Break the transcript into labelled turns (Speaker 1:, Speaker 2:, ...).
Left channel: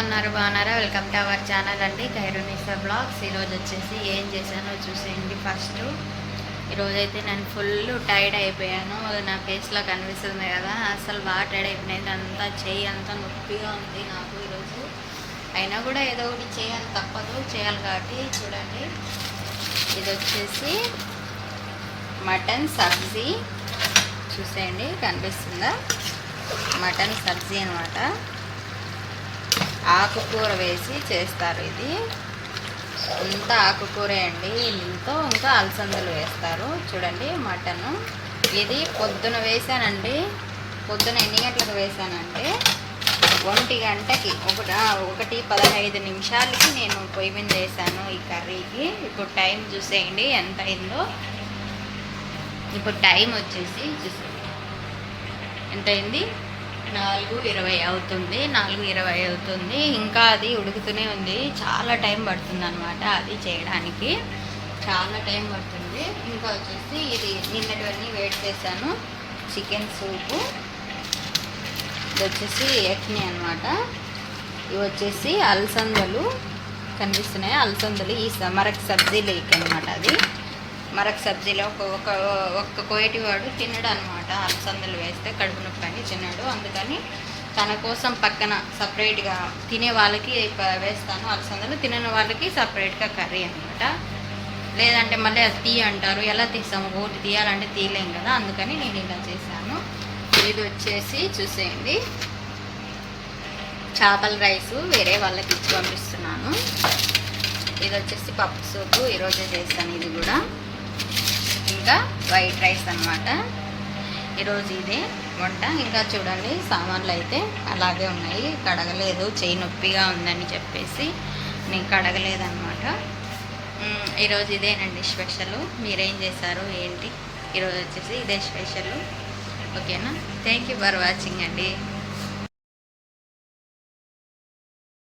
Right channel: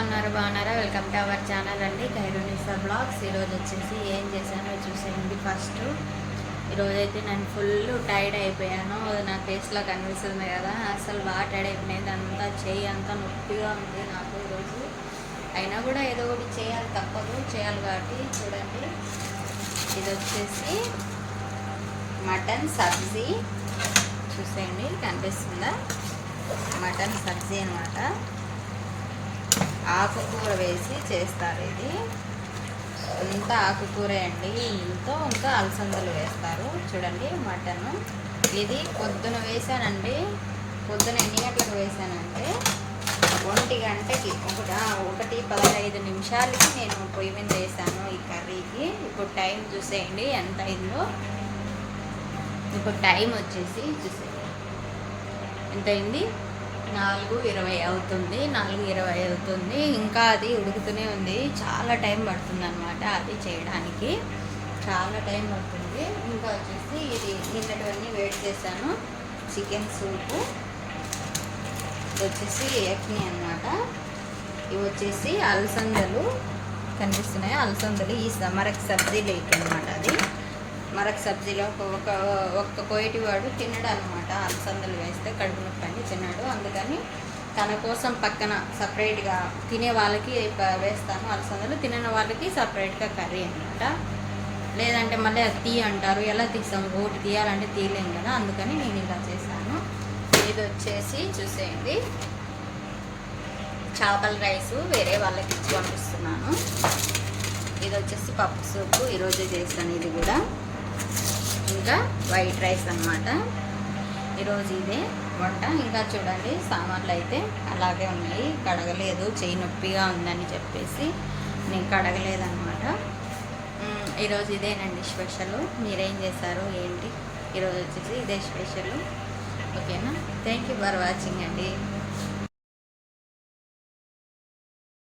Speaker 1: ఉన్నారు? బాగున్నారా? Welcome to our channel అండి. ఖైరునిసా బ్లాగ్స్ ఈరోజు వచ్చేసి ఏం చేశానో చూసేయండి ఫస్ట్ ఈరోజైతే నేను ఫుల్ టైర్డ్ అయిపోయాను. నా ఫేస్లో కనిపిస్తుంది కదా. అసలు బాగా టైర్డ్ అయిపోయినది అంతా చేయి అంతా నొప్పిగా ఉంది నాకు ఈరోజు అయినా కూడా ఏదో ఒకటి చేయాలి. తప్పదు. చేయాలి కాబట్టి చూడండి. ఇది వచ్చేసి మటన్ సబ్జీ. చూసేయండి. కనిపిస్తుందా? మటన్ సబ్జీ అనమాట ఆకుకూర వేసి చేస్తారు ఇది. ఇంత ఆకుకూరే అండి ఇంతో ఇంకా అలసందలు వేస్తారు. చూడండి మటన్. ఇది పొద్దున వేసానండి. పొద్దున ఎన్ని గంటలకు వేసానంటే ఒంటి గంటకి ఒకటి ఒకటి పదహైదు నిమిషాలకి నేను పొయ్యి మీద వేసాను ఈ కర్రీకి. ఇప్పుడు టైం చూసేయండి ఎంత అయిందో. ఇప్పుడు టైం వచ్చేసి చూసేయండి. ఎంత అయింది? నాలుగు ఇరవై అవుతుంది నాలుగు ఇరవై అవుతుంది. ఇంకా అది ఉడుకుతూనే ఉంది. చాలా టైం పడుతుంది అనమాట అది చేయడానికి. చాలా టైం పడుతుంది. ఇంకా వచ్చేసి ఇది నిన్నటివన్నీ వెయిట్ చేశాను. Chicken soup. ఇది వచ్చేసి ఎట్నీ అనమాట ఇవి వచ్చేసి అలసందలు. కనిపిస్తున్నాయి? అలసందలు ఈ స- సబ్జీ లేక్ అనమాట అది. మరొక సబ్జీలో ఒక ఒక ఒక్క కోయటి వాడు తినడు అనమాట అలసందలు వేస్తే కడుపు నొప్పి అని తినడు అందుకని తన కోసం పక్కన సపరేట్గా తినే వాళ్ళకి వేస్తాను. అలసందలు తినని వాళ్ళకి సపరేట్గా కర్రీ అనమాట లేదంటే మళ్ళీ అది తీ అంటారు. ఎలా తీస్తాము ఒకటి తీయాలంటే తీయలేం కదా. అందుకని నేను ఇలా చేశాను. ఇది వచ్చేసి చూసేయండి. చేపల రైస్ వేరే వాళ్ళకి ఇచ్చి పంపిస్తున్నాను. ఇది వచ్చేసి పప్పు సూపు. ఈరోజు చేశాను ఇది కూడా. ఇంకా వైట్ రైస్ అనమాట ఈరోజు ఇదే వంట. ఇంకా చూడండి సామాన్లు అయితే అలాగే ఉన్నాయి. కడగలేదు. చేయి నొప్పిగా ఉందని చెప్పేసి నేను కడగలేదన్నమాట. ఈరోజు ఇదేనండి స్పెషల్. మీరేం చేశారు? ఏంటి? ఈరోజు వచ్చేసి ఇదే స్పెషల్. ఓకేనా? థ్యాంక్ యూ ఫర్ వాచింగ్ అండి.